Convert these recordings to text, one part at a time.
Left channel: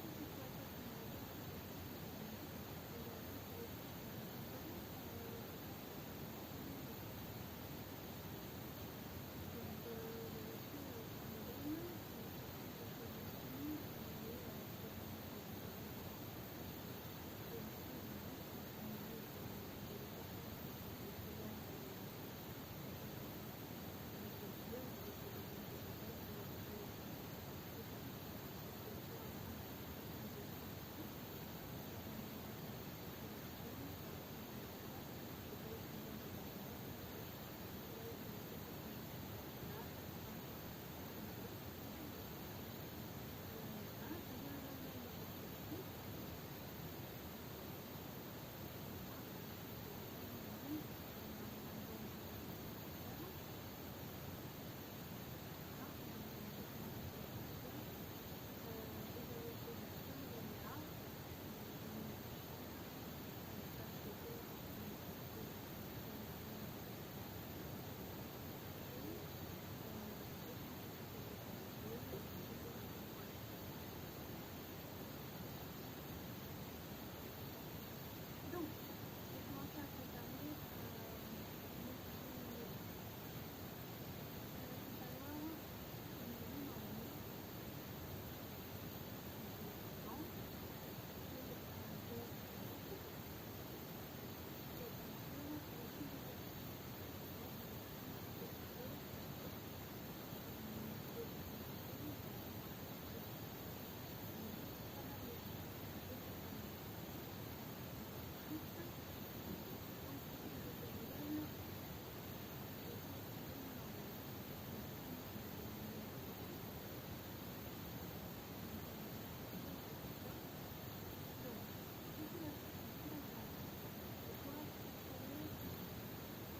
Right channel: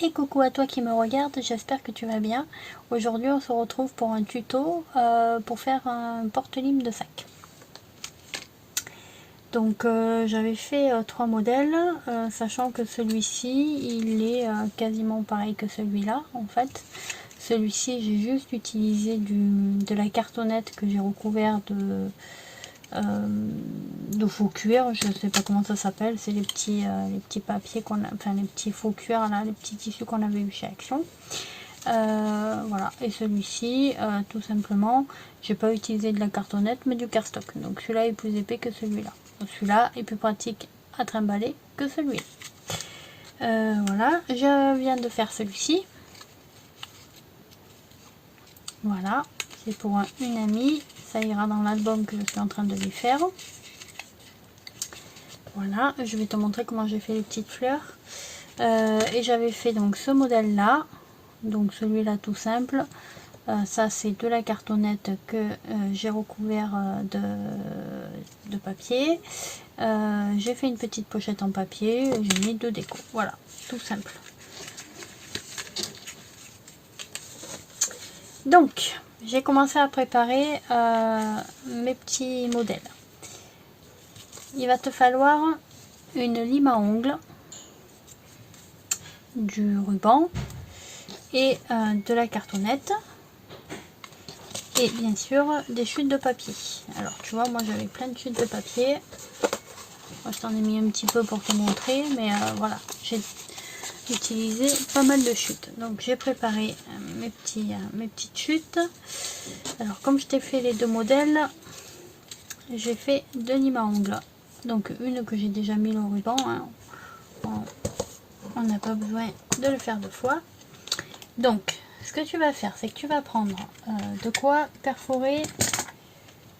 Et coucou à toi qui me regarde, j'espère que tu vas bien. Aujourd'hui on se retrouve pour un tuto pour faire un porte-lime de sac. Donc j'avais fait 3 modèles, sachant que celui-ci il est quasiment pareil que celui-là en fait. Celui-ci j'ai juste utilisé de la cartonnette que j'ai recouvert de faux cuir, je sais pas comment ça s'appelle, c'est les petits papiers qu'on a, enfin les petits faux cuir là, les petits tissus qu'on avait eu chez Action. Voilà, et celui-ci tout simplement j'ai pas utilisé de la cartonnette mais du cardstock, donc celui-là est plus épais que celui-là, celui-là est plus pratique à trimballer que celui-là. Voilà, je viens de faire celui-ci, voilà, c'est pour une amie, ça ira dans l'album que je suis en train de lui faire. Voilà, je vais te montrer comment j'ai fait les petites fleurs. Et j'avais fait donc ce modèle là, donc celui-là tout simple. Ça c'est de la cartonnette que j'ai recouvert de papier. J'ai fait une petite pochette en papier, j'ai mis 2 décos. Voilà, tout simple. Donc, j'ai commencé à préparer mes petits modèles. Il va te falloir une lime à ongles, du ruban et de la cartonnette et bien sûr des chutes de papier. Alors tu vois, moi j'avais plein de chutes de papier, moi, je t'en ai mis un petit peu pour te montrer, mais voilà, j'ai utilisé pas mal de chutes. Donc j'ai préparé mes petites chutes. Alors comme je t'ai fait les 2 modèles, j'ai fait 2 limes à ongles, donc une que j'ai déjà mis le ruban, hein. On n'a pas besoin de le faire 2 fois. Donc ce que tu vas faire, c'est que tu vas prendre de quoi perforer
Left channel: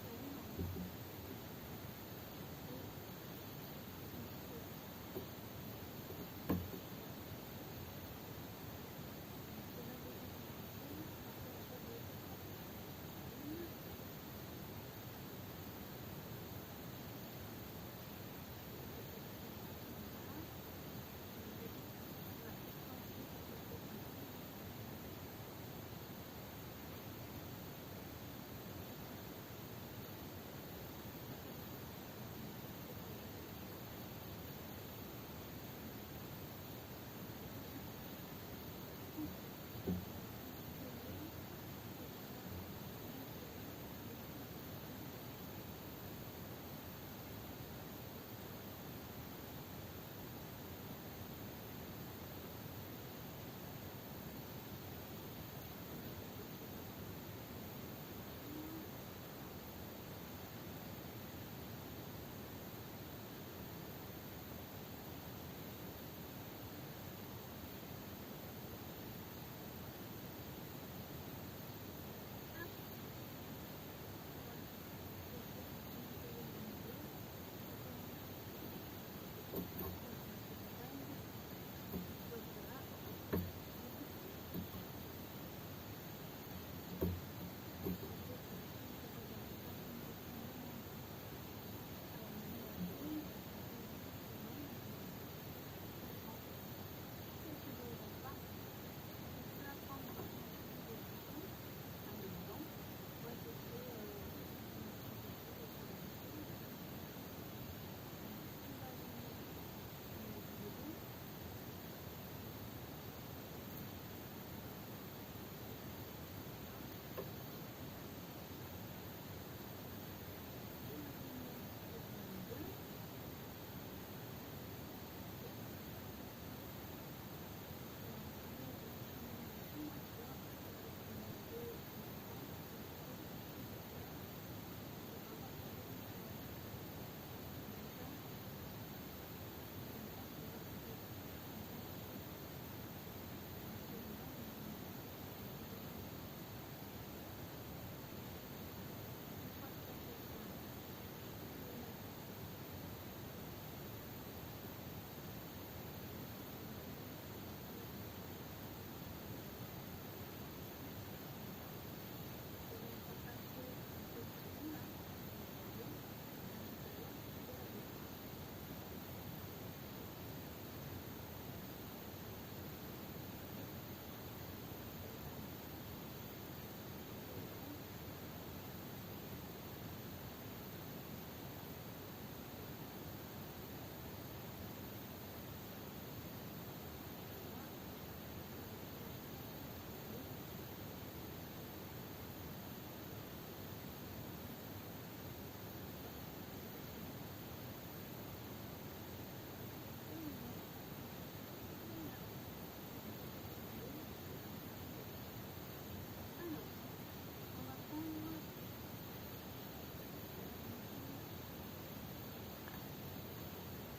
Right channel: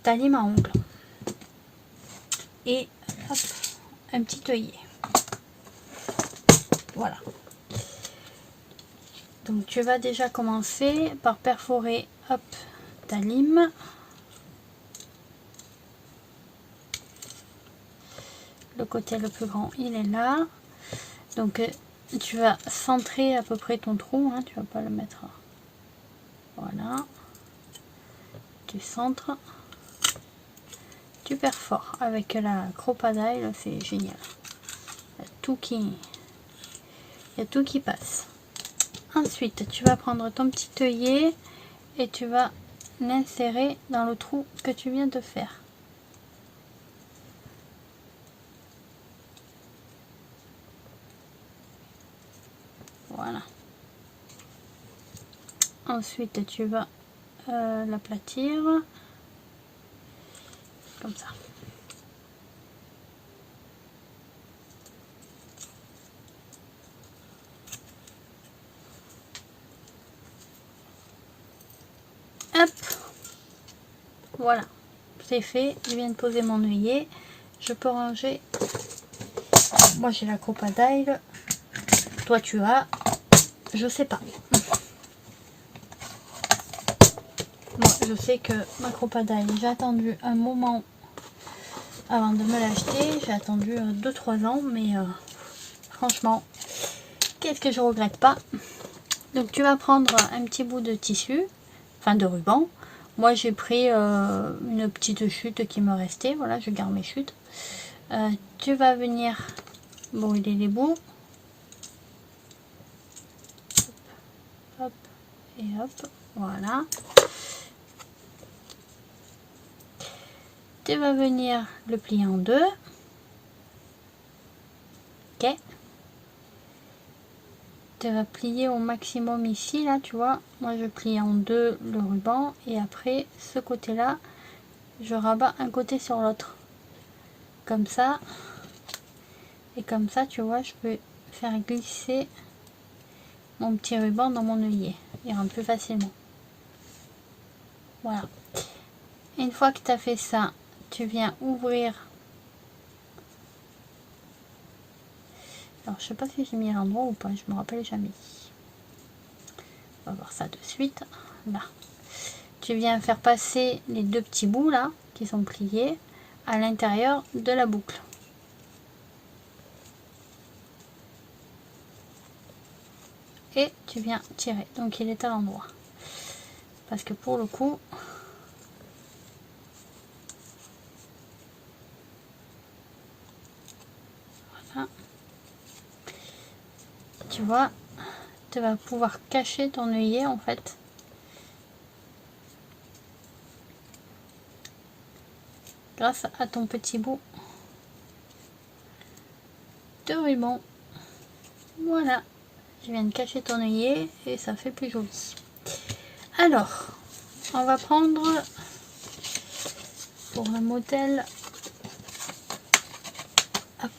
ta lime à ongles et hop, un petit œillet. Voilà. Donc tu vas déjà commencer par perforer hop, ta lime. Le côté le plus grand, il est là. Donc tu vas centrer à peu près ton trou, hein, tu vas pas le mettre. Voilà. Tu centres. Tu perfores avec la Crop-A-Dile, c'est génial. Il y a tout qui passe. Ensuite, tu vas prendre ton petit œillet et tu vas l'insérer dans le trou que tu viens de faire. Voilà. Ensuite, tu vas l'aplatir comme ça. Hop, voilà, c'est fait. Je viens de poser mon œillet. Je peux ranger. Moi j'ai la Crop-A-Dile. Toi tu as, je sais pas. Moi je sais que ma Crop-A-Dile, j'ai attendu un moment avant de me l'acheter. J'ai attendu 2-3 ans, mais franchement, qu'est-ce que je regrette pas. Donc tu vas prendre un petit bout de tissu, enfin de ruban. Moi j'ai pris une petite chute qui me restait, voilà, je garde mes chutes. Tu vas venir brûler les bouts. Hop et hop, voilà. Tu vas venir le plier en 2. Ok. Tu vas plier au maximum ici, là, tu vois. Moi je plie en 2 le ruban et après ce côté là, je rabats un côté sur l'autre. Comme ça. Et comme ça, tu vois, je peux faire glisser mon petit ruban dans mon œillet. Il rentre plus facilement. Voilà. Une fois que tu as fait ça, tu viens ouvrir. Alors, je sais pas si j'ai mis l'endroit ou pas, je me rappelle jamais. On va voir ça de suite. Là. Tu viens faire passer les 2 petits bouts là, qui sont pliés, à l'intérieur de la boucle. et tu viens tirer. Donc il est à l'endroit. Parce que pour le coup, voilà, tu vois, tu vas pouvoir cacher ton œillet en fait. Grâce à ton petit bout de ruban. Voilà, je viens de cacher ton œillet et ça fait plus joli. Alors, on va prendre pour le modèle. Hop.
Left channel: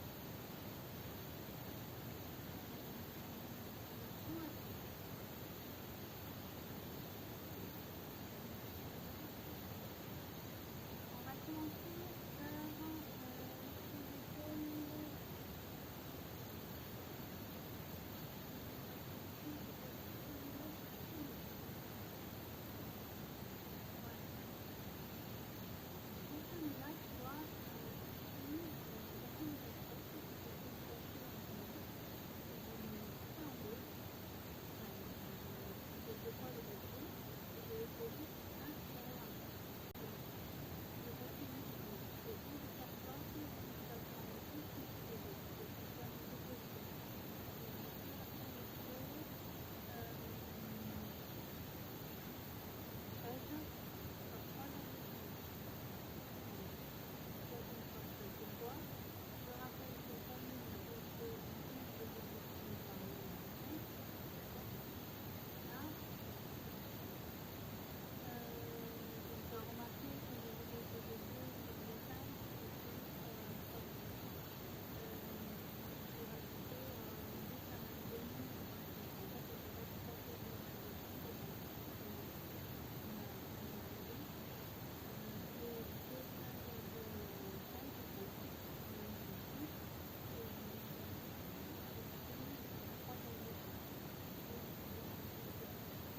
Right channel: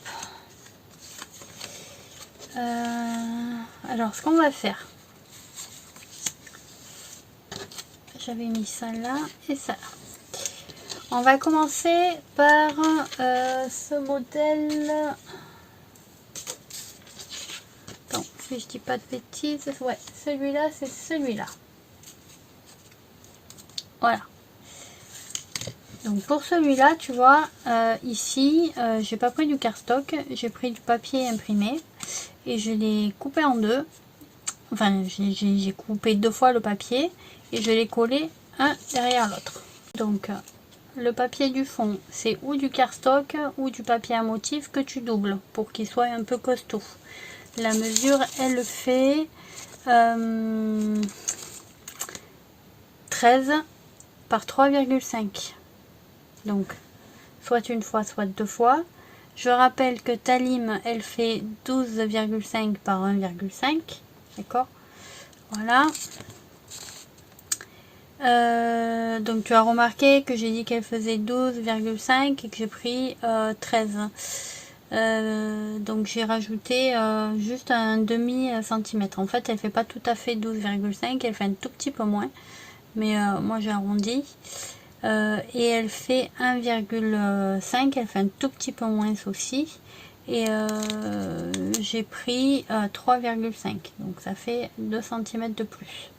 Alors, ce qu'on va faire, j'avais mis ça là et ça là. On va commencer par ce modèle. Attends, si je dis pas de bêtises, ouais, celui-là, c'est celui-là. Voilà. Donc pour celui-là, tu vois, ici, j'ai pas pris du cardstock, j'ai pris du papier imprimé et je l'ai coupé en deux. Enfin, j'ai coupé 2 fois le papier et je l'ai collé un derrière l'autre. Donc le papier du fond, c'est ou du cardstock ou du papier à motif que tu doubles pour qu'il soit un peu costaud. La mesure, elle fait 13 par 3,5. Donc, soit une fois, soit 2 fois. Je rappelle que ta lime, elle fait 12,5 par 1,5. D'accord? Voilà. Donc tu as remarqué que j'ai dit qu'elle faisait 12,5 et que j'ai pris 13. Donc j'ai rajouté juste un demi centimètre. En fait elle fait pas tout à fait 12,5, elle fait un tout petit peu moins, mais moi j'ai arrondi. Et elle fait 1,5, elle fait un tout petit peu moins aussi. Et j'ai pris 3,5, donc ça fait 2 cm de plus.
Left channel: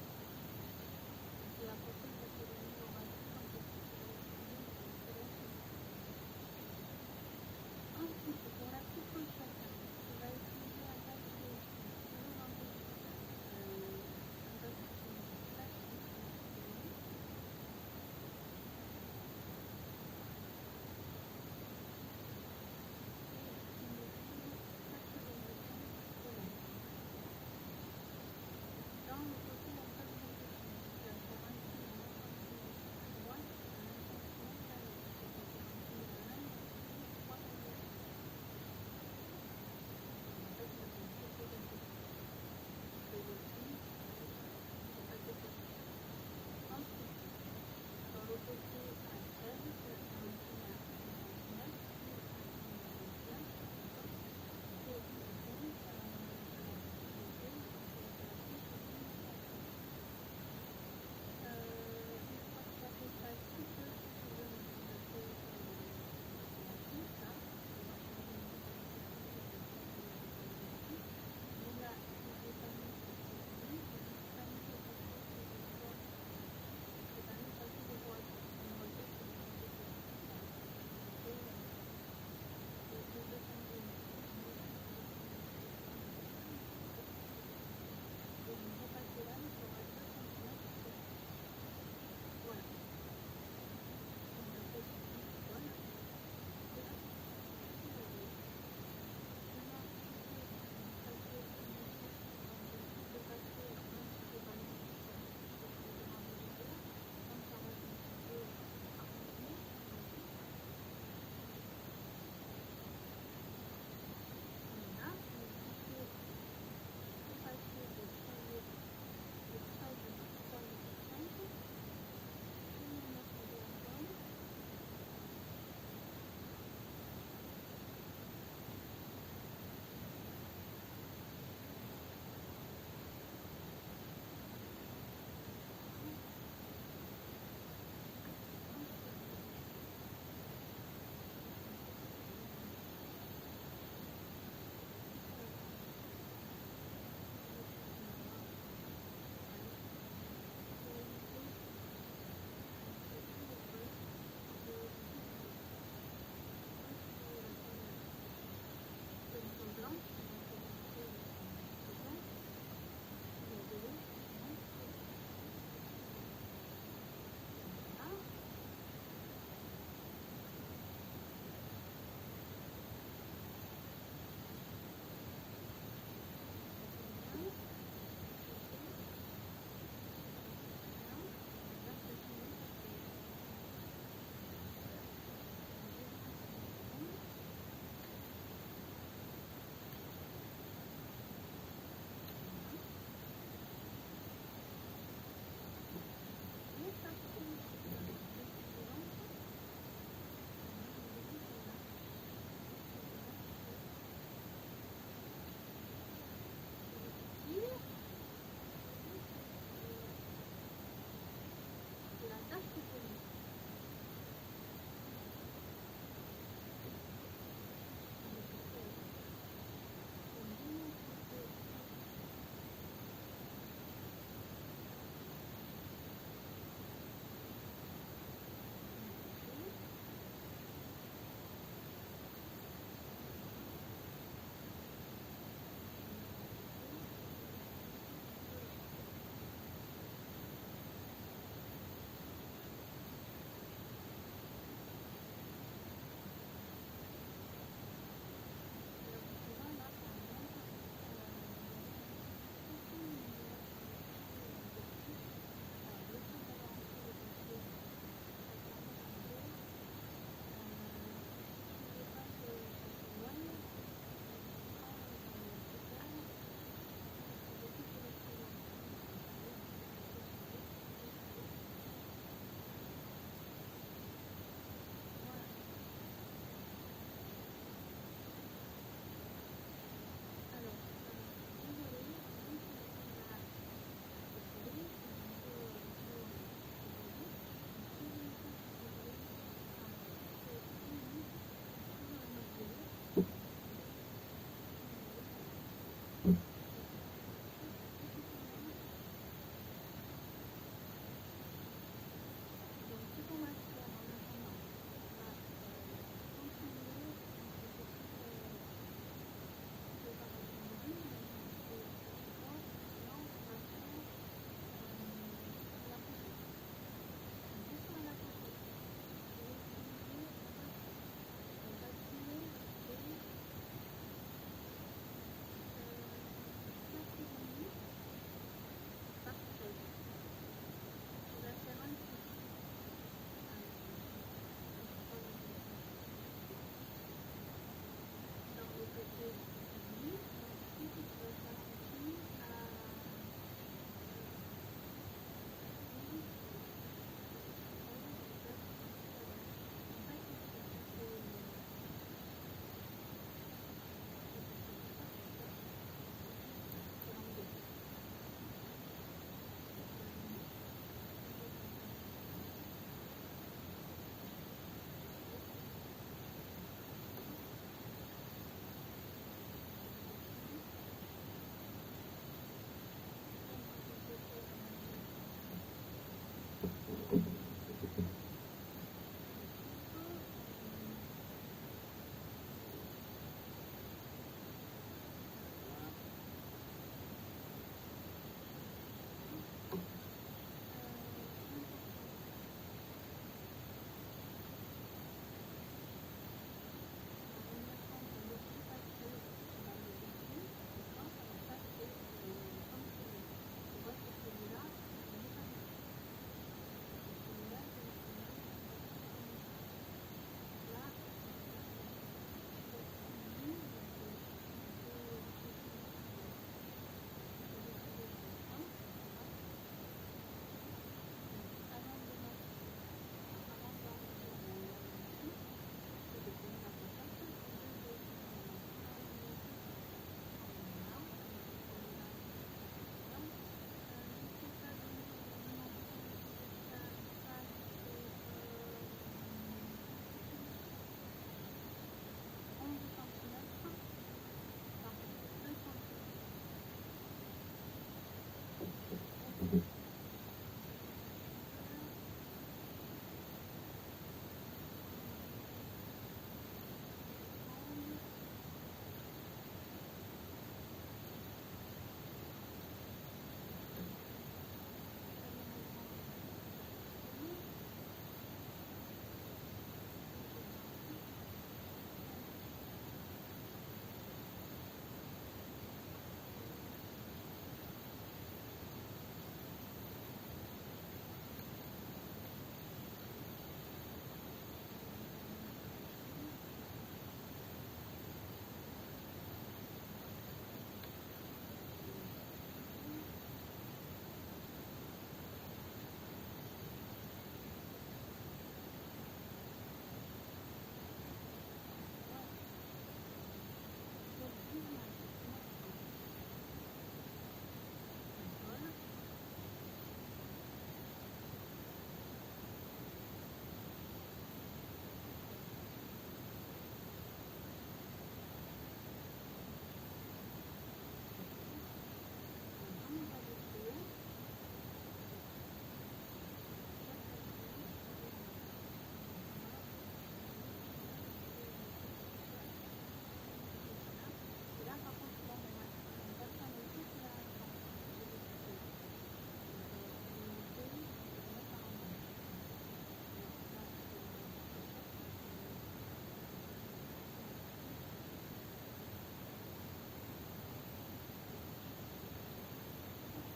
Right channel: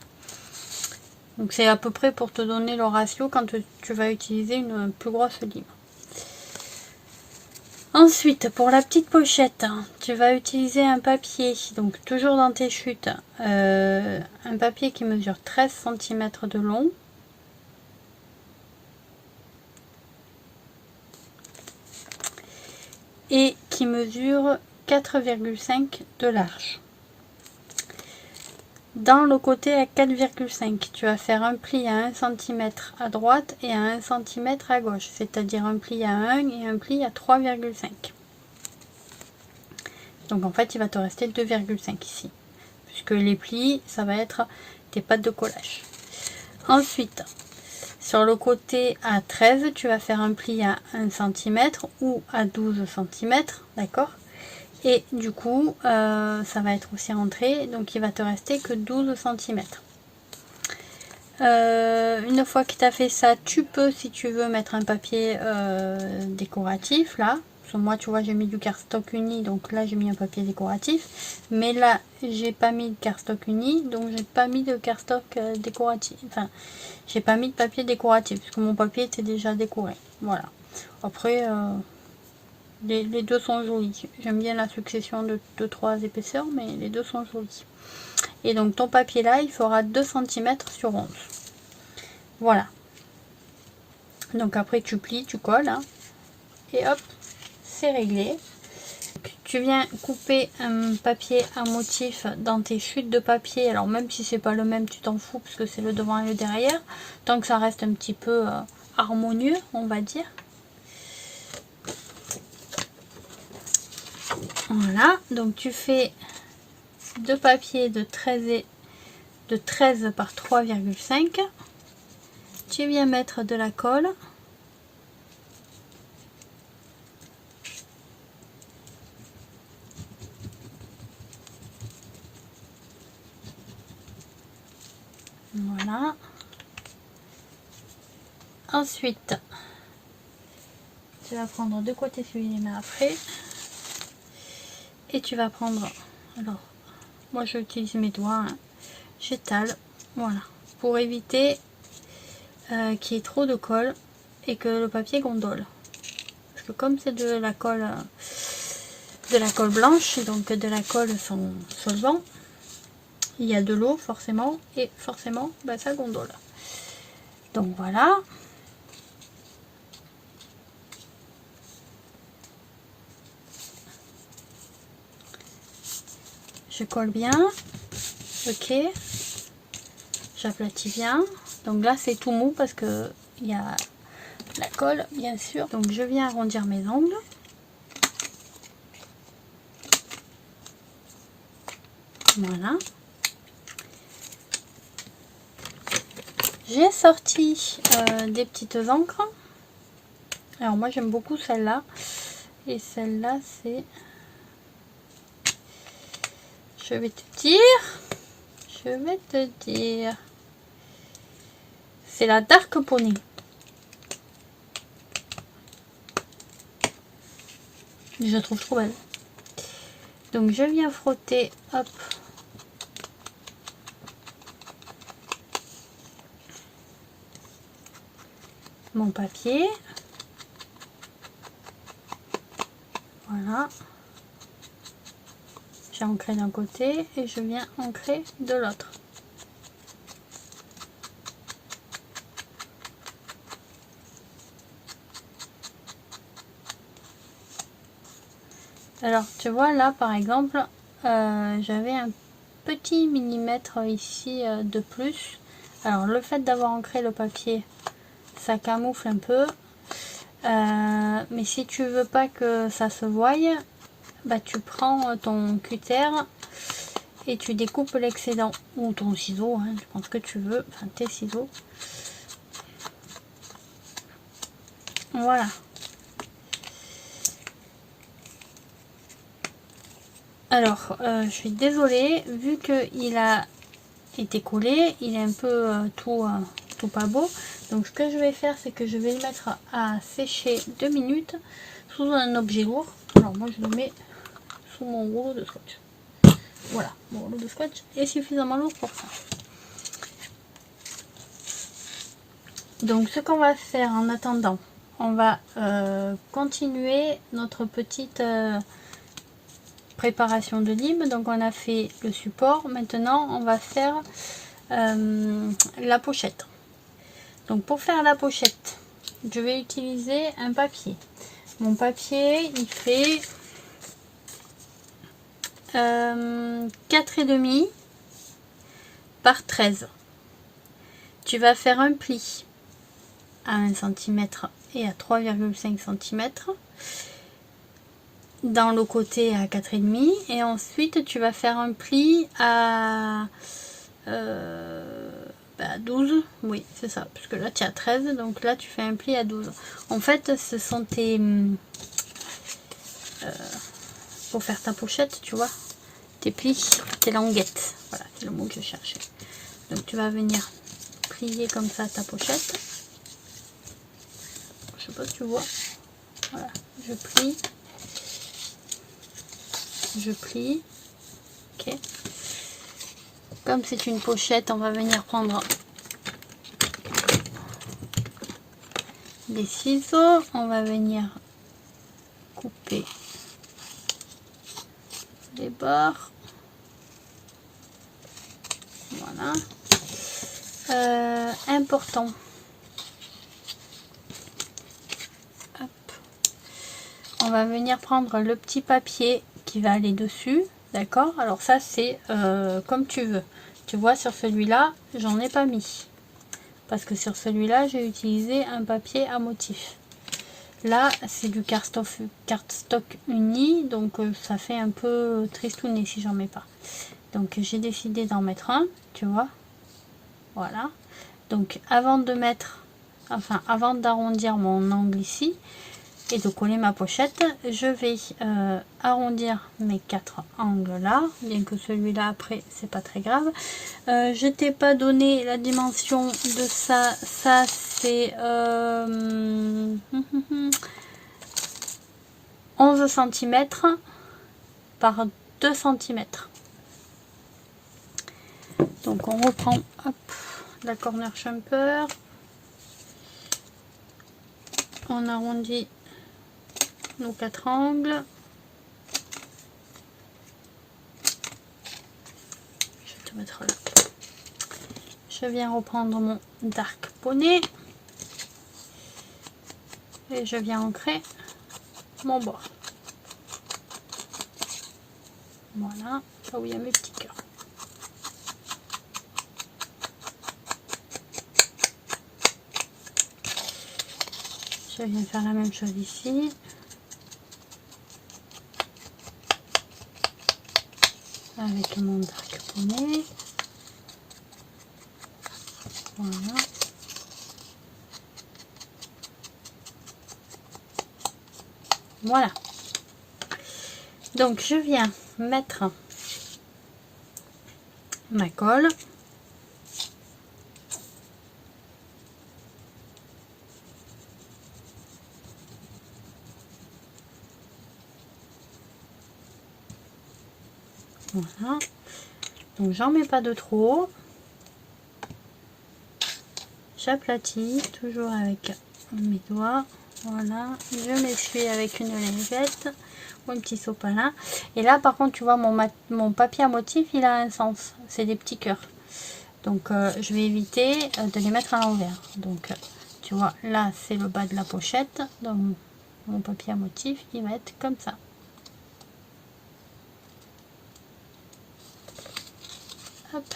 Donc c'est à peu près pour te donner le ratio quand tu vas utiliser une plus grosse lime. Ensuite, pour la petite pochette, tu vas utiliser un papier, donc toujours dans tes chutes, un papier qui mesure 13 cm de long. Et qui mesure 4,5 de large. Dans le côté à 4,5, tu vas faire un pli à 1 cm à droite et à 1 cm à gauche, c'est-à-dire un pli à 1 et un pli à 3,5. Donc en fait, il va te rester 2,5 ici, puisque les plis, ça va être tes pattes de collage. Ensuite, sur le côté à 13, tu vas faire un pli à 1 cm ou à 12 cm, d'accord? Et du coup, ça va être aussi rentré, donc il va te rester que 12 cm. Une fois que tu as fait ça, tu peux, si tu veux, mettre un papier décoratif, là. Sur moi, tu vois, j'ai mis du cardstock uni, donc là, j'ai mis un papier décoratif. Mais là, j'ai pas mis de cardstock uni, donc j'ai pas mis de cardstock décoratif. Enfin, j'ai pas mis de papier décoratif, parce que mon papier était déjà décoré. Voilà. Après... les deux sont jolis. J'aime bien la succession de 2-3 épaisseurs, mais les deux sont jolis. Et donc ton papier là, il fera 2 cm sur 11. Voilà. Donc après tu plies, tu colles. Hein, et hop, c'est réglé. Donc, tu viens couper un papier à motif dans tes chutes de papier. Alors même si c'est pas le même, tu t'en fous parce que c'est le devant et le derrière. Tant que ça reste un petit peu harmonieux, on va dire. Voilà, donc tu fais deux papiers de 13 par 3,5. Tu viens mettre de la colle. Voilà. Ensuite, tu vas prendre de côté celui-là après. Et tu vas prendre, alors, moi j'utilise mes doigts, hein. J'étale, voilà, pour éviter qu'il y ait trop de colle et que le papier gondole. Parce que comme c'est de la colle blanche, donc de la colle sans solvant, il y a de l'eau forcément, et forcément bah, ça gondole. Donc voilà. Je colle bien. Ok. J'aplatis bien. Donc là c'est tout mou parce que il y a la colle bien sûr. Donc je viens arrondir mes ongles. Voilà. J'ai sorti des petites encres. Alors moi j'aime beaucoup celle-là. Et celle-là c'est... Je vais te dire. C'est la Dark Pony. Je la trouve trop belle. Donc je viens frotter, hop, mon papier. Voilà. J'ai ancré d'un côté et je viens ancrer de l'autre. Alors tu vois là par exemple, j'avais un petit millimètre ici de plus. Alors le fait d'avoir ancré le papier, ça camoufle un peu. Mais si tu veux pas que ça se voie, bah tu prends ton cutter et tu découpes l'excédent, ou ton ciseau, hein, tu prends ce que tu veux, enfin tes ciseaux. Voilà. Alors je suis désolée, vu que il a été collé, il est un peu tout pas beau. Donc ce que je vais faire, c'est que je vais le mettre à sécher 2 minutes sous un objet lourd. Alors moi je le mets sous mon rouleau de scotch. Voilà, mon rouleau de scotch est suffisamment lourd pour ça. Donc ce qu'on va faire en attendant, on va continuer notre petite préparation de lime. Donc on a fait le support, maintenant on va faire la pochette. Donc pour faire la pochette, je vais utiliser un papier. Mon papier il fait 4,5 par 13. Tu vas faire un pli à 1 cm et à 3,5 cm dans le côté à 4,5 et ensuite tu vas faire un pli à 12, oui c'est ça, parce que là tu as 13, donc là tu fais un pli à 12. En fait ce sont tes pour faire ta pochette, tu vois, tes plis, tes languettes, voilà c'est le mot que je cherchais. Donc tu vas venir plier comme ça ta pochette, je sais pas si tu vois, voilà, je plie, ok. Comme c'est une pochette, on va venir prendre des ciseaux, on va venir couper les bords, voilà. Important, hop. On va venir prendre le petit papier qui va aller dessus, d'accord. Alors ça c'est comme tu veux, tu vois, sur celui-là j'en ai pas mis parce que sur celui-là j'ai utilisé un papier à motif. Là c'est du cardstock uni, donc ça fait un peu tristouné si j'en mets pas. Donc j'ai décidé d'en mettre un, tu vois, voilà. Donc avant de mettre, enfin avant d'arrondir mon angle ici et de coller ma pochette, je vais arrondir mes 4 angles là, bien que celui-là après c'est pas très grave. Je t'ai pas donné la dimension de ça, ça c'est 11 cm par 2 cm. Donc on reprend, hop, la corner shumper, on arrondit nos 4 angles. Je vais te te mettre là. Je viens reprendre mon dark poney et je viens ancrer mon bord. Voilà, là où il y a mes petits cœurs. Je viens faire la même chose ici. Avec mon dark poney. Voilà. Voilà. Donc je viens mettre ma colle. Voilà. Donc j'en mets pas de trop. J'aplatis toujours avec mes doigts. Voilà. Je m'essuie avec une lingette ou un petit sopalin. Et là par contre tu vois mon papier à motif il a un sens. C'est des petits cœurs. Donc je vais éviter de les mettre à l'envers. Donc tu vois là c'est le bas de la pochette. Donc mon papier à motif il va être comme ça. Hop.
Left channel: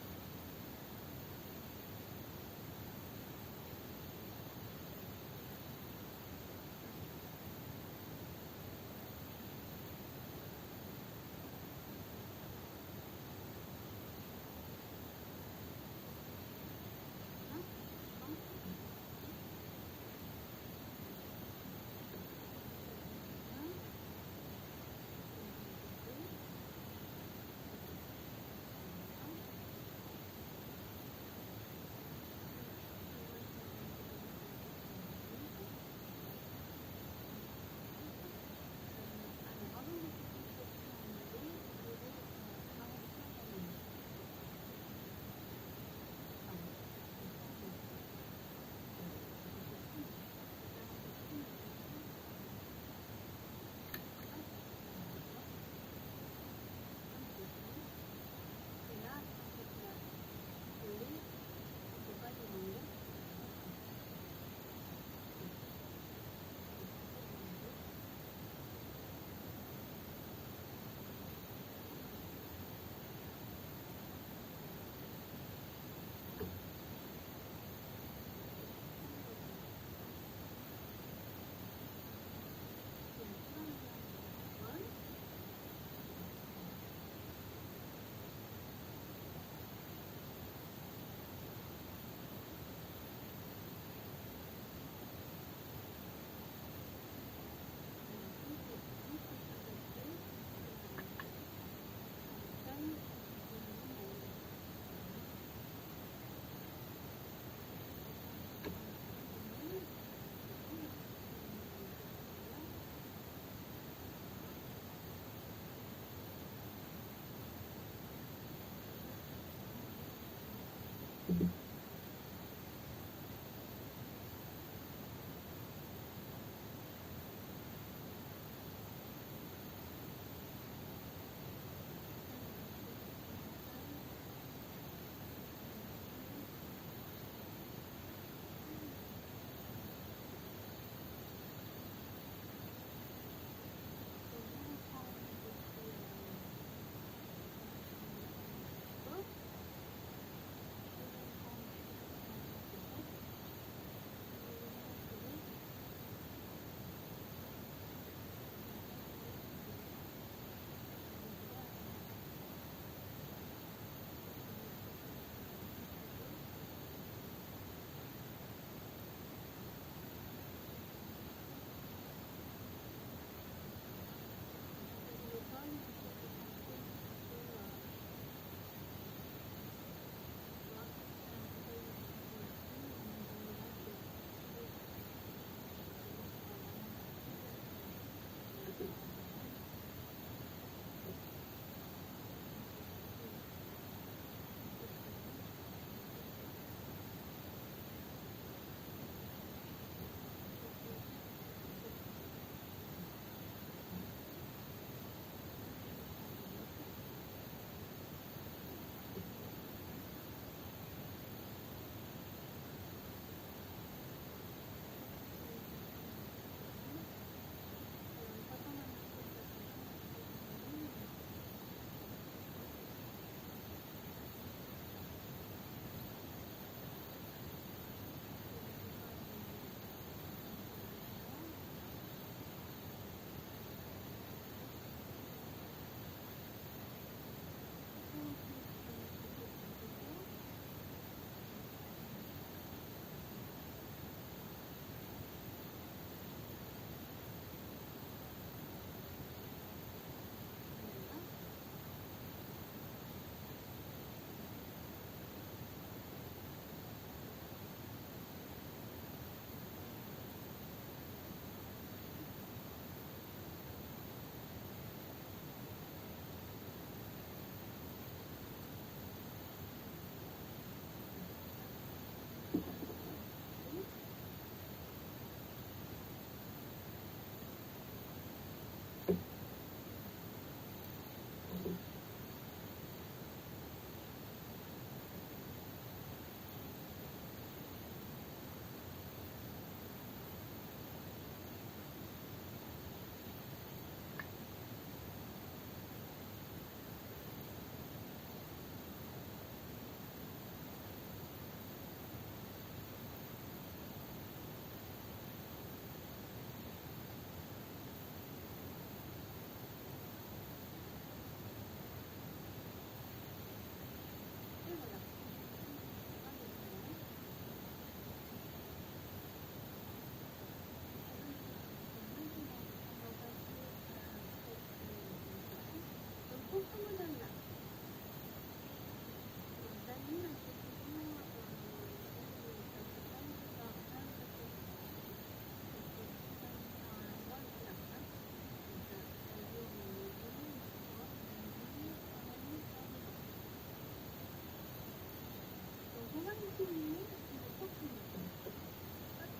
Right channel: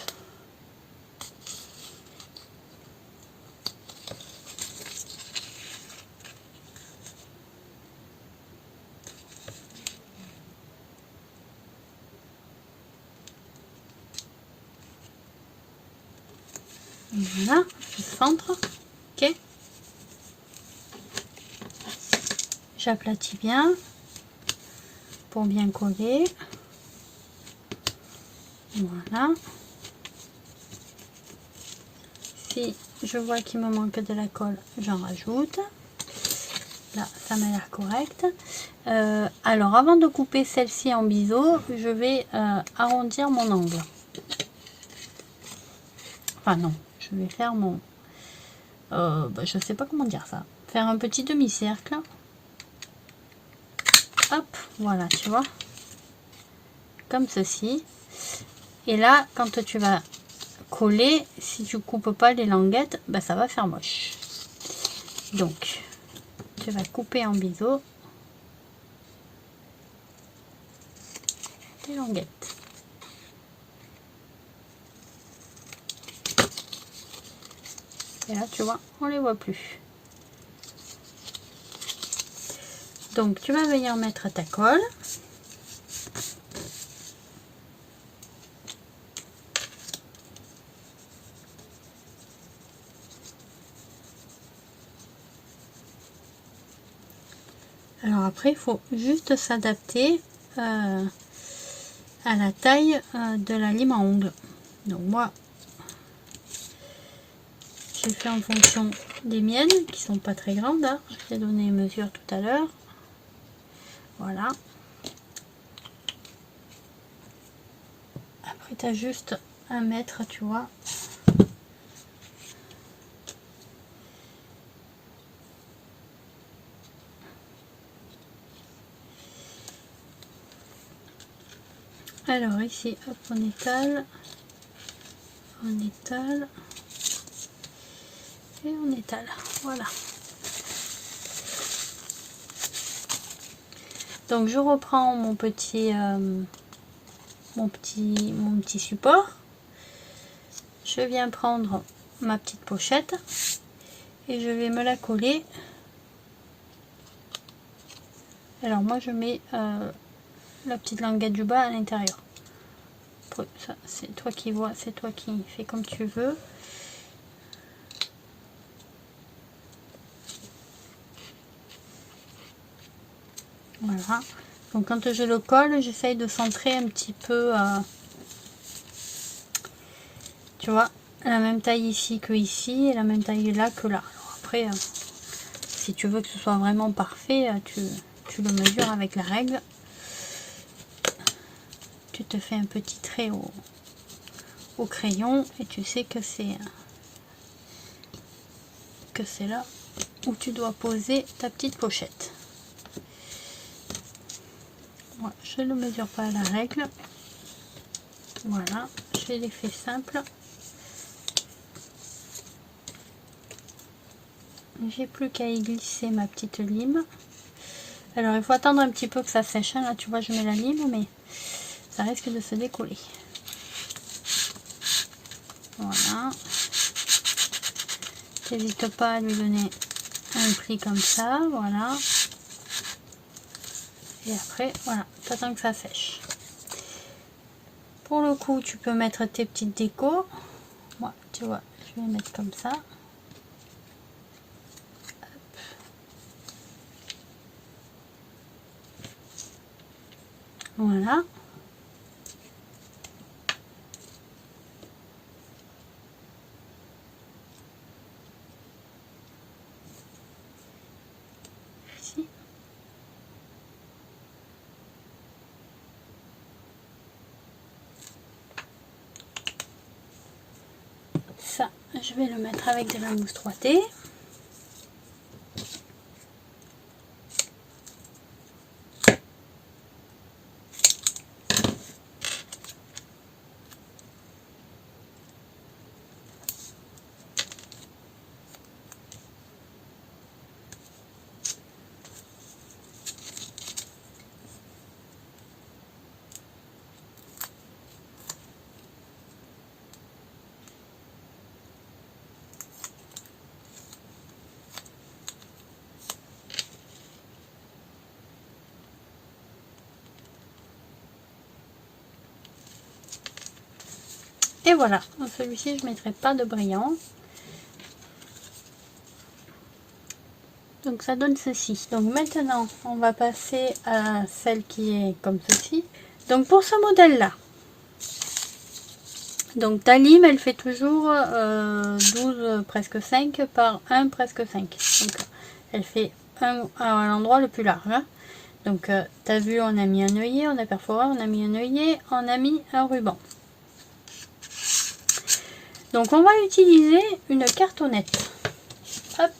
Voilà, je centre. Ok. J'aplatis bien pour bien coller. Voilà. Si je vois qu'il me manque de la colle, j'en rajoute. Là, ça m'a l'air correct. Alors, avant de couper celle-ci en biseau, je vais arrondir mon angle. Enfin non, je vais faire mon... je sais pas comment dire ça. Faire un petit demi-cercle. Hop, voilà, tu vois. Comme ceci. Et là, quand tu vas coller, si tu coupes pas les languettes, ben, ça va faire moche. Donc, tu vas couper en biseau les languettes. Et là, tu vois, on les voit plus. Donc, tu vas venir mettre ta colle. Alors après, il faut juste s'adapter à la taille de la lime à ongles. Donc moi, j'ai fait en fonction des miennes, qui sont pas très grandes. Hein. Je t'ai donné une mesure tout à l'heure. Voilà. Après, tu as juste à mettre, tu vois. Alors ici, hop, on étale, et on étale. Voilà. Donc je reprends mon petit support. Je viens prendre ma petite pochette et je vais me la coller. Alors moi je mets la petite languette du bas à l'intérieur. Ça c'est toi qui vois, c'est toi qui fais comme tu veux. Voilà. Donc quand je le colle, j'essaye de centrer un petit peu, tu vois, la même taille ici que ici et la même taille là que là. Alors après, si tu veux que ce soit vraiment parfait, tu le mesures avec la règle. Tu te fais un petit trait au crayon et tu sais que c'est là où tu dois poser ta petite pochette. Moi, je ne mesure pas à la règle. Voilà, je je l'ai fait simple. J'ai plus qu'à y glisser ma petite lime. Alors il faut attendre un petit peu que ça sèche, hein. Là tu vois je mets la lime mais ça risque de se décoller. Voilà. N'hésite pas à lui donner un pli comme ça, voilà. Et après, voilà, t'attends que ça sèche. Pour le coup, tu peux mettre tes petites décos. Moi, tu vois, je vais mettre comme ça. Voilà. Ici. Ça, je vais le mettre avec de la mousse 3T. Et voilà, dans celui-ci je ne mettrai pas de brillant. Donc ça donne ceci. Donc maintenant on va passer à celle qui est comme ceci. Donc pour ce modèle là, donc ta lime elle fait toujours 12 presque 5 par 1 presque 5. Donc elle fait 1 à l'endroit le plus large. Hein. Donc tu as vu, on a mis un œillet, on a perforé, on a mis un œillet, on a mis un ruban. Donc on va utiliser une cartonnette. Hop.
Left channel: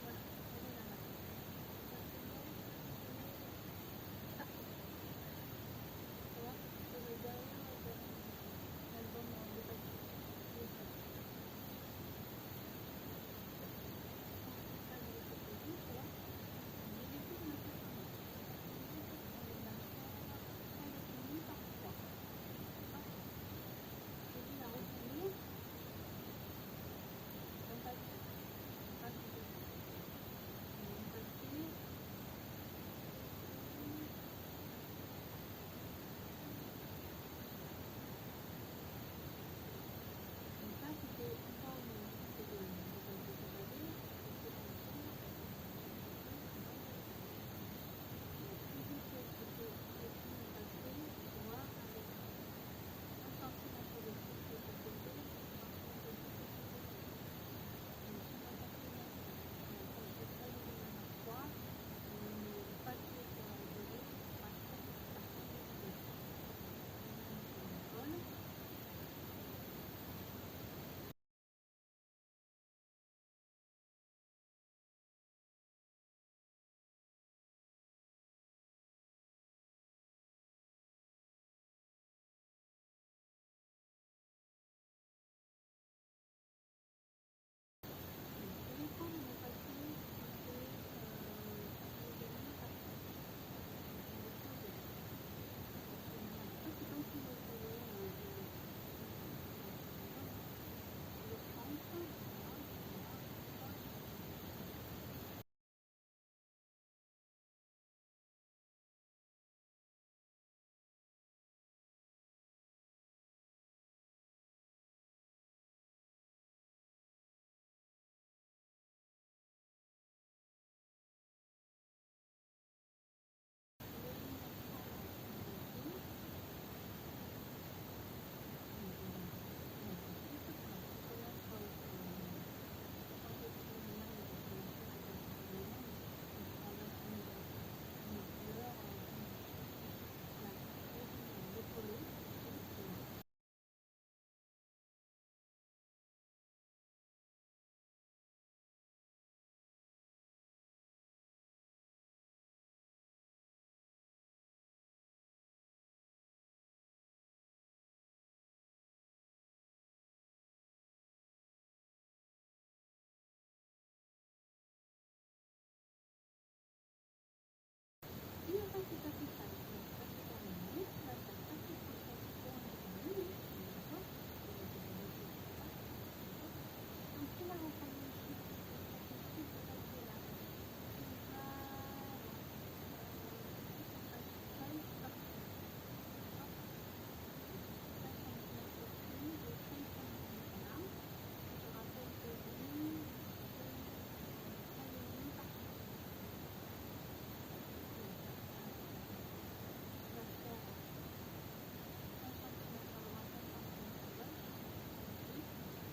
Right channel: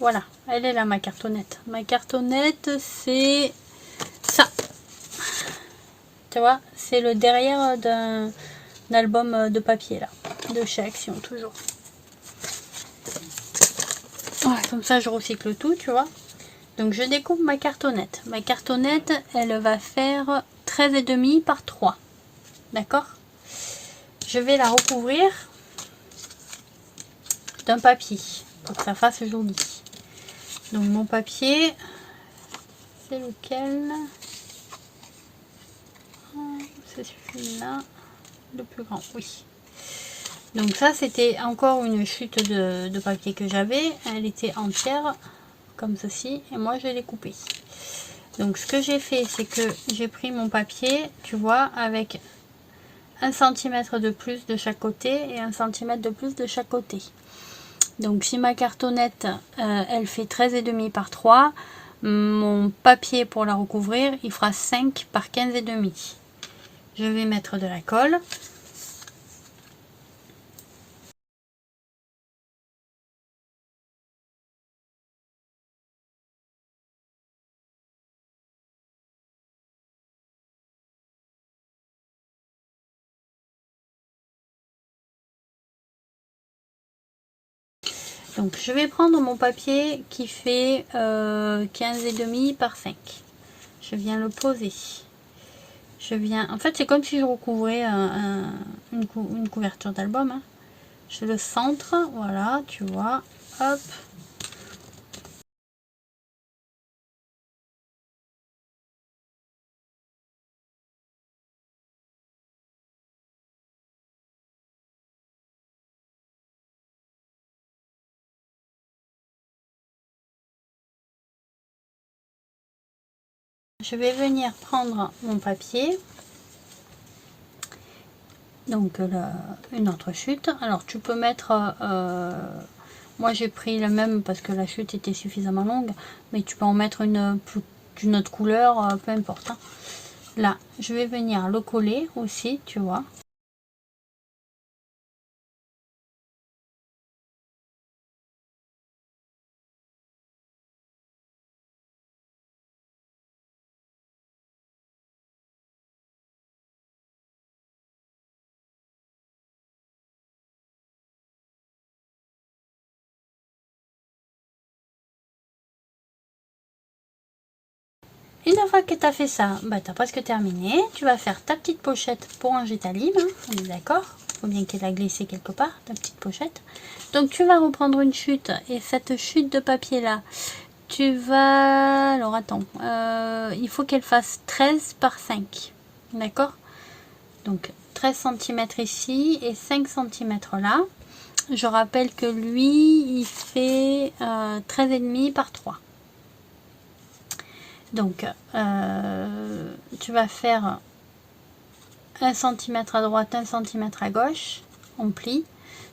Voilà, elle est là ma cartonnette. Ma cartonnette c'est ça. Tu vois, c'est le derrière d'un album de papier là, de chez Action toujours. Ouais, comme ça je recycle tout, tu vois. Donc je découpe ma cartonnette. Ma cartonnette, elle va faire 13,5 par 3. D'accord? Je vais la recouvrir d'un papier pour que ça fasse joli. Donc mon papier, c'est lequel? C'est celui-là, le plus grand, oui. Donc ça c'était encore une chute de papier que j'avais. Elle était entière, comme ceci, et moi je l'ai coupée. Donc ce que j'ai fait, c'est que j'ai pris mon papier, tu vois, avec 1 cm de plus de chaque côté et 1 cm de plus de chaque côté. Donc si ma cartonnette elle fait 13,5 par 3, mon papier pour la recouvrir il fera 5 par 15,5. Je vais mettre de la colle. Donc je vais prendre mon papier qui fait 15,5 par 5. Je viens le poser. Je viens, en fait c'est comme si je recouvrais une couverture d'album. Hein. Je le centre, voilà, tu vois, hop. Je vais venir prendre mon papier, donc une autre chute. Alors tu peux mettre, moi j'ai pris le même parce que la chute était suffisamment longue, mais tu peux en mettre d'une autre couleur, peu importe. Hein. Là, je vais venir le coller aussi, tu vois. Une fois que tu as fait ça, bah, tu as presque terminé. Tu vas faire ta petite pochette pour ranger ta lime. Hein, on est d'accord? Il faut bien qu'elle a glissé quelque part, ta petite pochette. Donc tu vas reprendre une chute. Et cette chute de papier là, tu vas... Alors attends, il faut qu'elle fasse 13 par 5. D'accord? Donc 13 cm ici et 5 cm là. Je rappelle que lui, il fait 13,5 par 3. Donc, tu vas faire 1 cm à droite, 1 cm à gauche, on plie,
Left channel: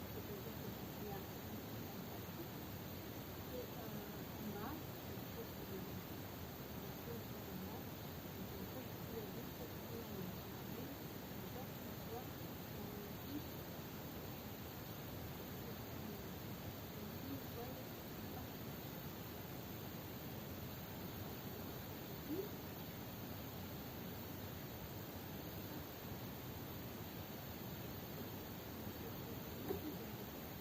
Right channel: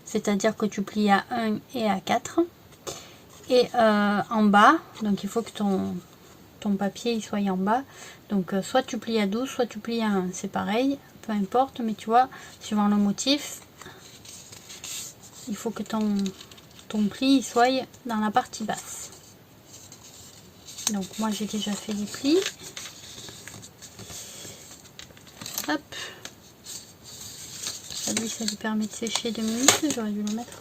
c'est-à-dire que tu plies à 1 et à 4. Et en bas, donc il faut que ton papier il soit en bas. Donc, soit tu plies à 12, soit tu plies à 1, c'est pareil, peu importe, mais tu vois, suivant le motif, il faut que ton pli il soit dans la partie basse. Donc, moi j'ai déjà fait les plis. Hop. Lui, ça lui permet de sécher 2 minutes. J'aurais dû le mettre.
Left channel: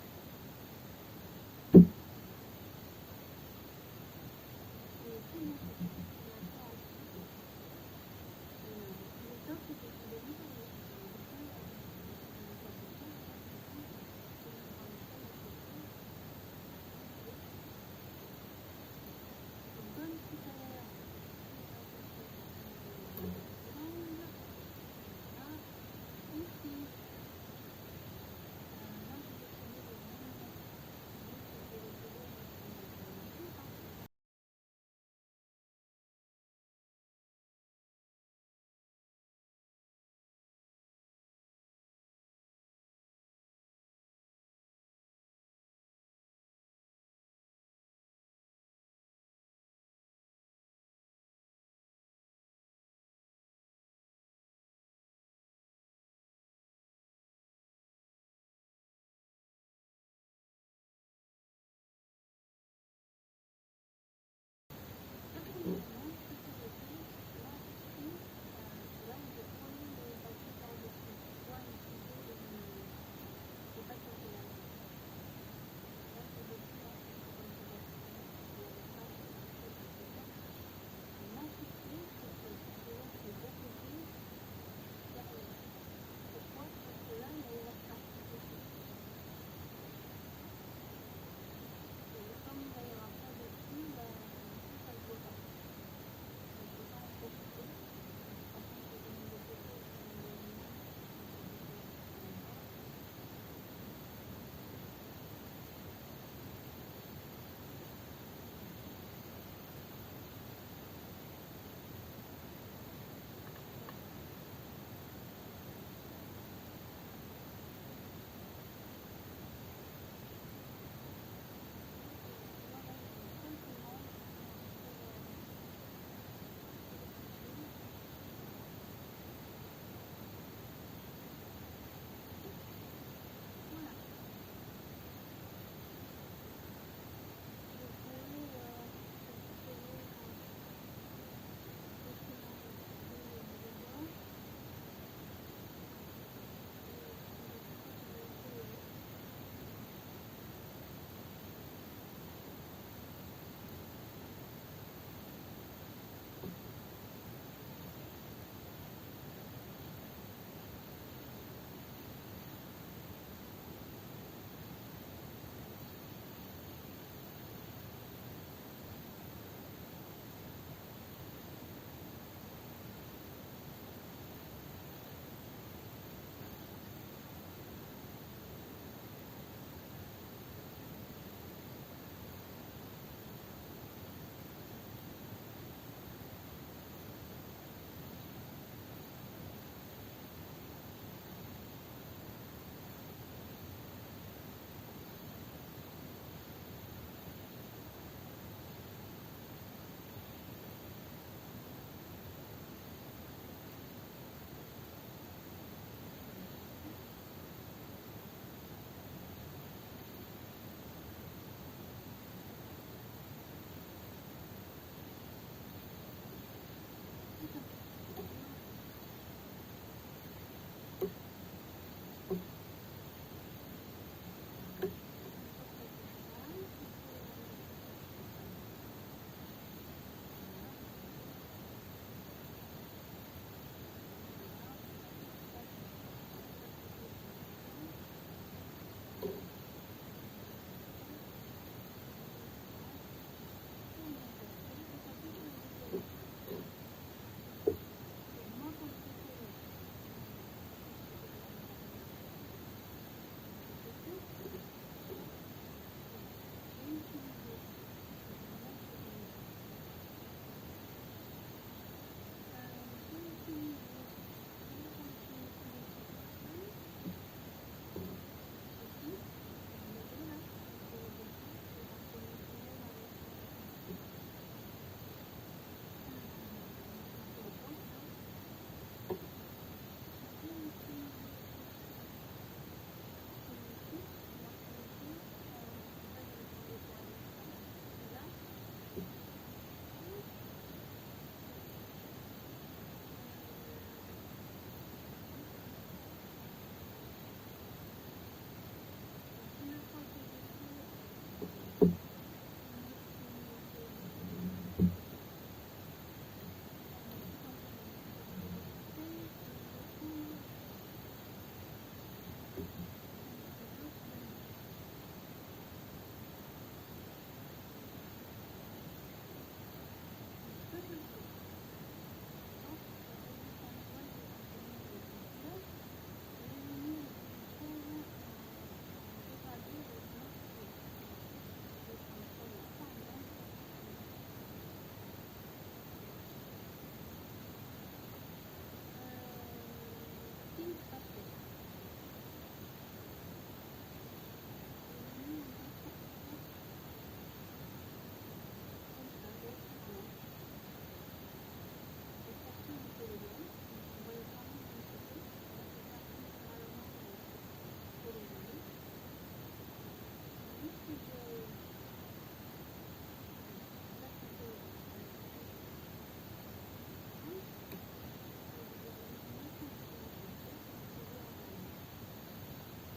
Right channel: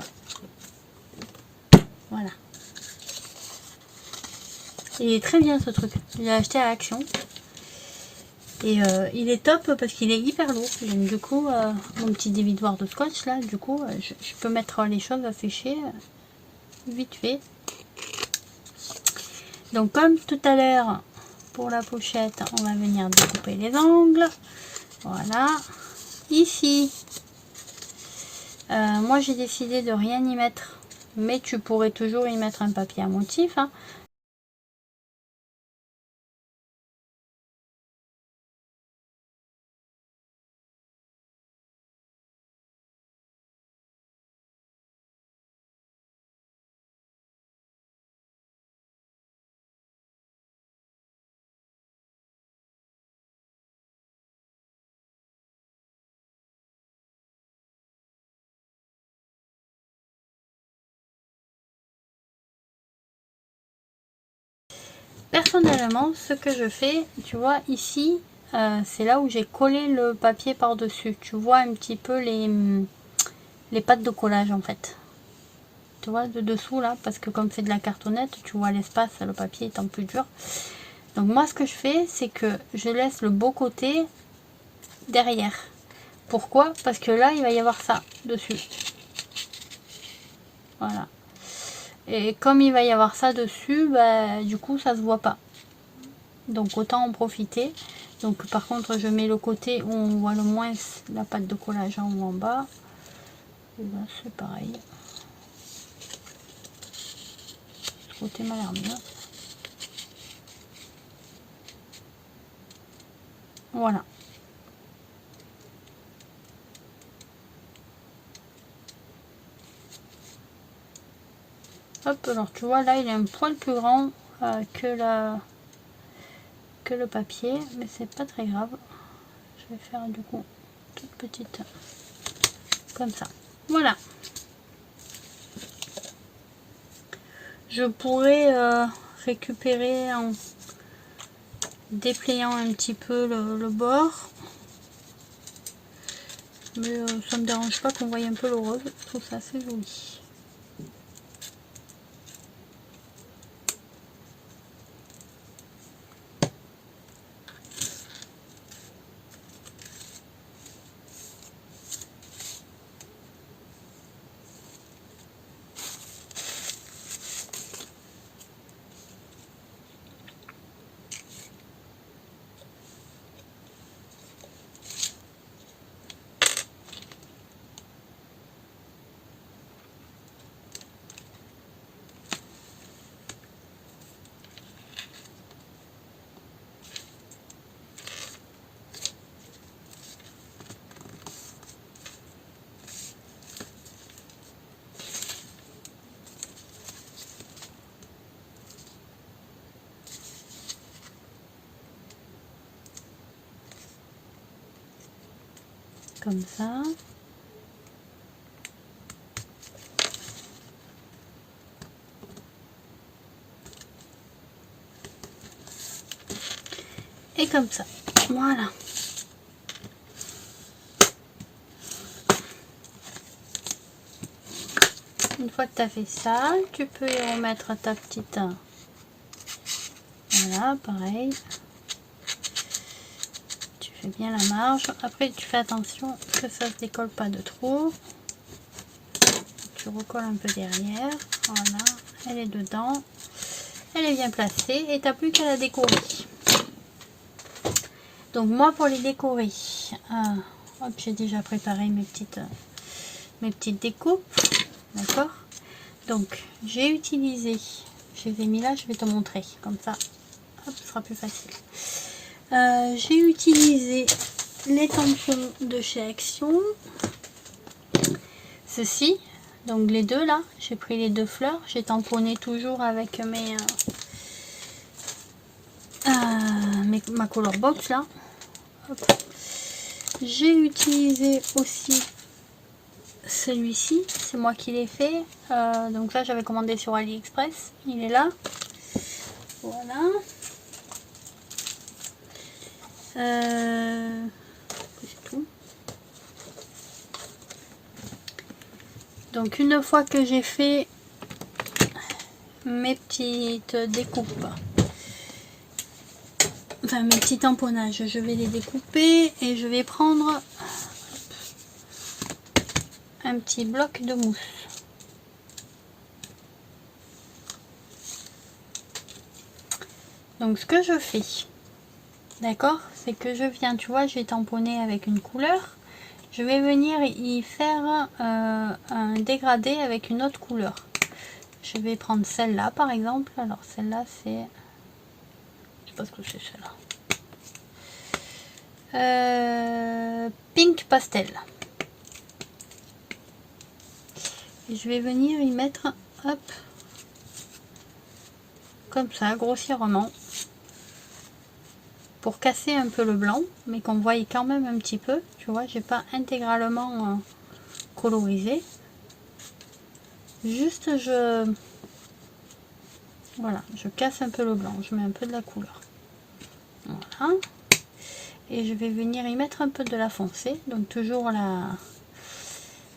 Voilà. Il est très bien ce truc. Je l'ai acheté à Action. Et il est top parce qu'il est hyper lourd. Donc du coup, mon petit dévidoir de scotch là, du coup, je peux mettre les choses à sécher vite fait. Donc comme tout à l'heure, pour la pochette, on va venir découper les angles. Voilà. Ici, moi j'ai décidé de rien y mettre. Mais tu pourrais toujours y mettre un papier à motif. Hein. Personnellement, ce que je fais, tu vois, ici, c'est là où j'ai collé le papier par-dessus. Tu vois un petit peu les pattes de collage, en fait. Tu vois, de dessous, là, parce que comme c'est de la cartonnette, tu vois l'espace, le papier étant plus dur. Donc moi, ce que je fais, c'est que je laisse le beau côté derrière. Pourquoi? Parce que là, il va y avoir ça dessus. Voilà. Et comme il va y avoir ça dessus, bah, du coup, ça se voit pas. Donc autant en profiter. Donc par contre je mets le côté où on voit le moins la pâte de collage en haut en bas. Et là c'est pareil. Ce côté m'a l'air bien. Voilà. Hop, alors tu vois là il est un poil plus grand que le papier, mais c'est pas très grave. Je vais faire du coup toute petite comme ça. Voilà. Je pourrais récupérer en dépliant un petit peu le bord, mais ça me dérange pas qu'on voie un peu le rose. Je trouve ça assez joli. Comme ça. Et comme ça. Voilà. Une fois que tu as fait ça, tu peux y remettre ta petite... Voilà, pareil. fais bien la marge. Après, tu fais attention que ça se décolle pas de trop. Tu recolles un peu derrière. Voilà, elle est dedans. Elle est bien placée et tu n'as plus qu'à la décorer. Donc moi, pour les décorer, hop, j'ai déjà préparé mes petites découpes. D'accord? Donc, j'ai utilisé, je les ai mis là, je vais te montrer. Comme ça, hop, ce sera plus facile. J'ai utilisé les tampons de chez Action. Ceci, donc les deux là, j'ai pris les deux fleurs. J'ai tamponné toujours avec ma color box là. J'ai utilisé aussi celui-ci, c'est moi qui l'ai fait. Donc là, j'avais commandé sur AliExpress. Il est là. Voilà. C'est tout. Donc une fois que j'ai fait mes petites découpes, enfin mes petits tamponnages, je vais les découper et je vais prendre un petit bloc de mousse. Donc ce que je fais, d'accord, c'est que je viens, tu vois, j'ai tamponné avec une couleur, je vais venir y faire un dégradé avec une autre couleur. Je vais prendre celle-là par exemple. Alors celle-là c'est, je sais pas ce que c'est celle-là, pink pastel. Et je vais venir y mettre, hop, comme ça, grossièrement, pour casser un peu le blanc, mais qu'on voie quand même un petit peu. Tu vois, j'ai pas intégralement colorisé. Juste voilà, je casse un peu le blanc, je mets un peu de la couleur. Voilà. Et je vais venir y mettre un peu de la foncée, donc toujours la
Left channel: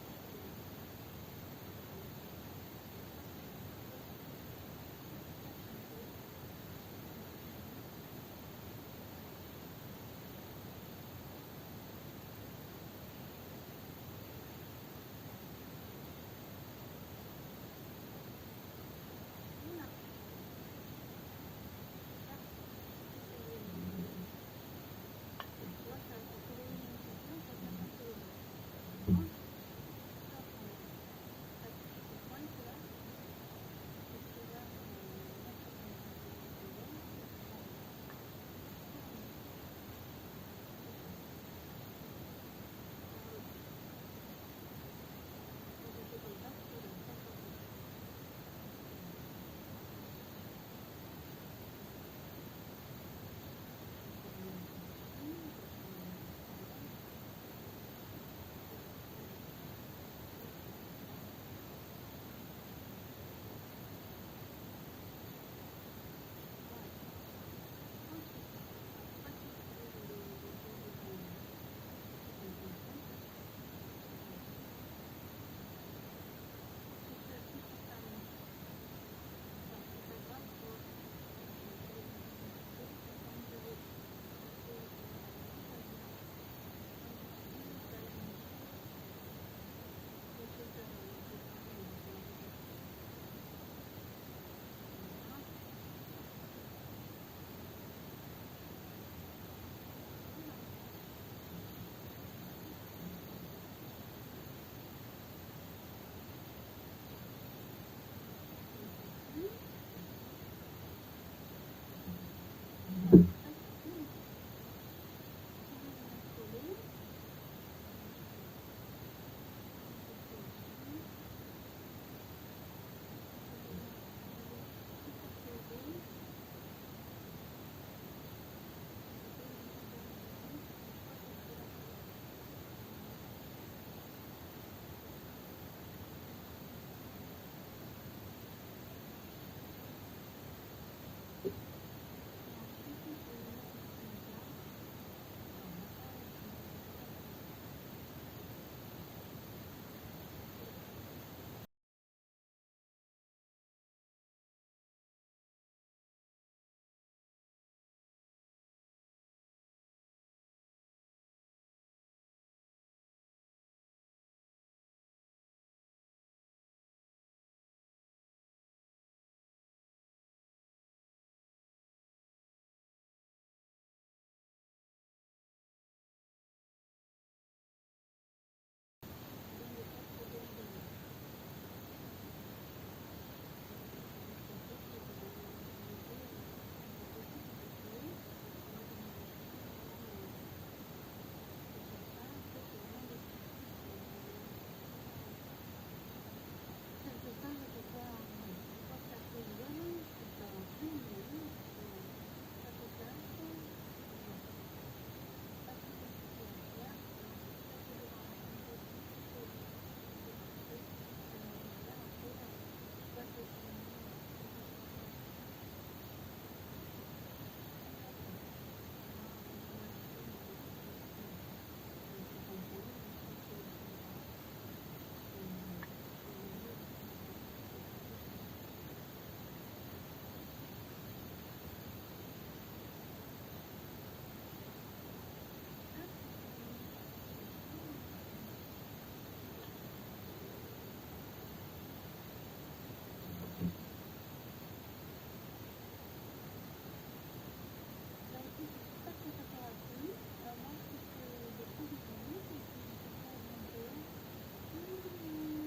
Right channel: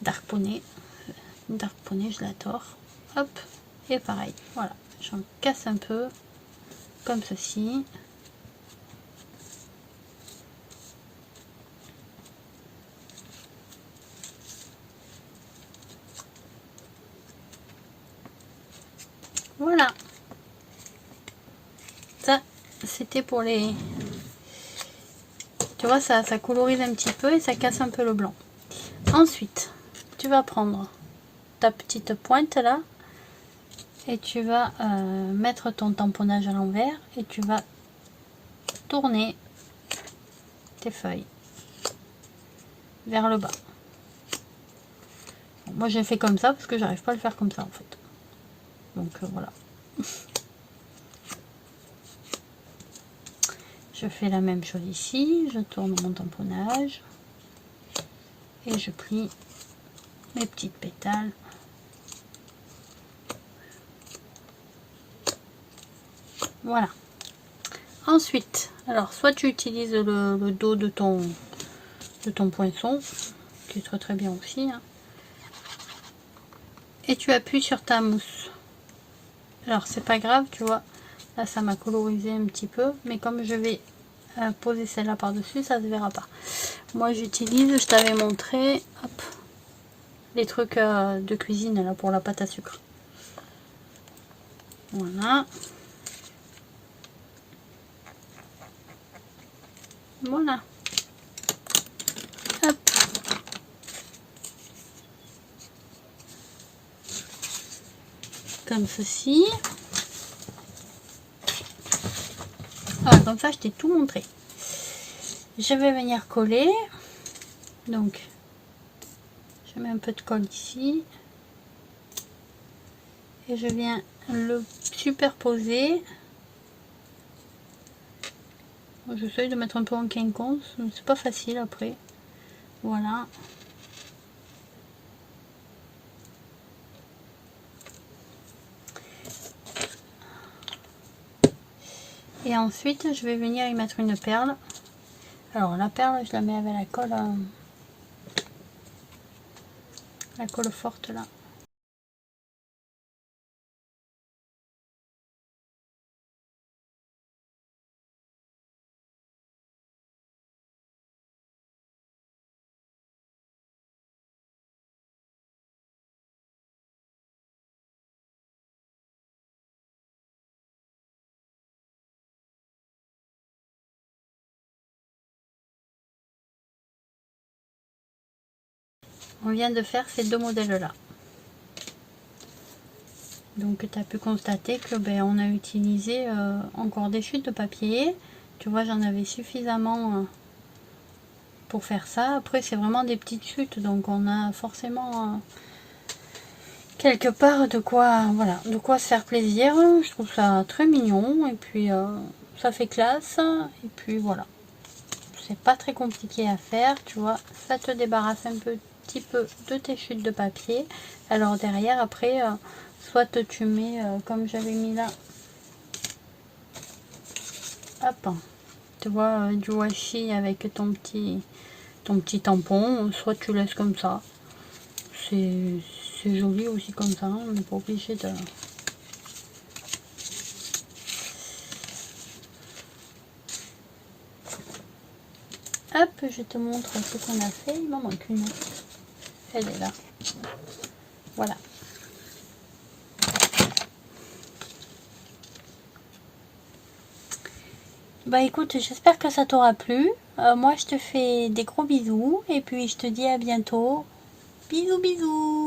dark poney. Dark poney, je l'adore. Hop, et pareil, voilà, j'en casse un peu, comme ceci. Voilà. Ça, c'était pour les... Tu vois, ça colorise un petit peu et ça casse un peu le blanc. Ensuite, tu vas prendre ta petite pointe là et tu vas mettre ton tamponnage à l'envers et tu vas tourner tes feuilles vers le bas. Bon, moi j'ai fait comme ça parce que j'arrive pas à le faire comme ça en fait. Donc voilà. Je fais la même chose ici, je tourne mon tamponnage et je plie mes petites pétales. Voilà. Ensuite, alors soit tu utilises le dos de ton poinçon, qui est très très bien aussi, hein, et tu appuies sur ta mousse. Alors c'est pas grave, tu vois, là ça m'a colorisé un petit peu, mais comme je vais poser celle-là par dessus, ça se verra pas. Moi j'utilise, je t'avais montré, hop, les trucs de cuisine là pour la pâte à sucre. Voilà. Voilà. Hop. Comme ceci. Voilà, comme ça je t'ai tout montré. Je vais venir coller. Donc, je mets un peu de colle ici. Et je viens le superposer. J'essaye de mettre un peu en quinconce, c'est pas facile après. Voilà. Et ensuite, je vais venir y mettre une perle. Alors la perle, je la mets avec la colle forte là. on vient de faire ces deux modèles là. Donc tu as pu constater que on a utilisé encore des chutes de papier. Tu vois, j'en avais suffisamment pour faire ça. Après c'est vraiment des petites chutes, donc on a forcément quelque part de quoi, voilà, de quoi se faire plaisir. Je trouve ça très mignon et puis ça fait classe. Et puis voilà, c'est pas très compliqué à faire, tu vois. Ça te débarrasse un petit peu de tes chutes de papier. Alors derrière après soit tu mets comme j'avais mis là, hop, tu vois, du washi avec ton petit tampon, soit tu laisses comme ça. C'est joli aussi comme ça, on n'est pas obligé de... Hop, je te montre ce qu'on a fait. Il m'en manque une. Elle est là. Voilà. Bah écoute, j'espère que ça t'aura plu. Moi, je te fais des gros bisous. Et puis, je te dis à bientôt. Bisous, bisous.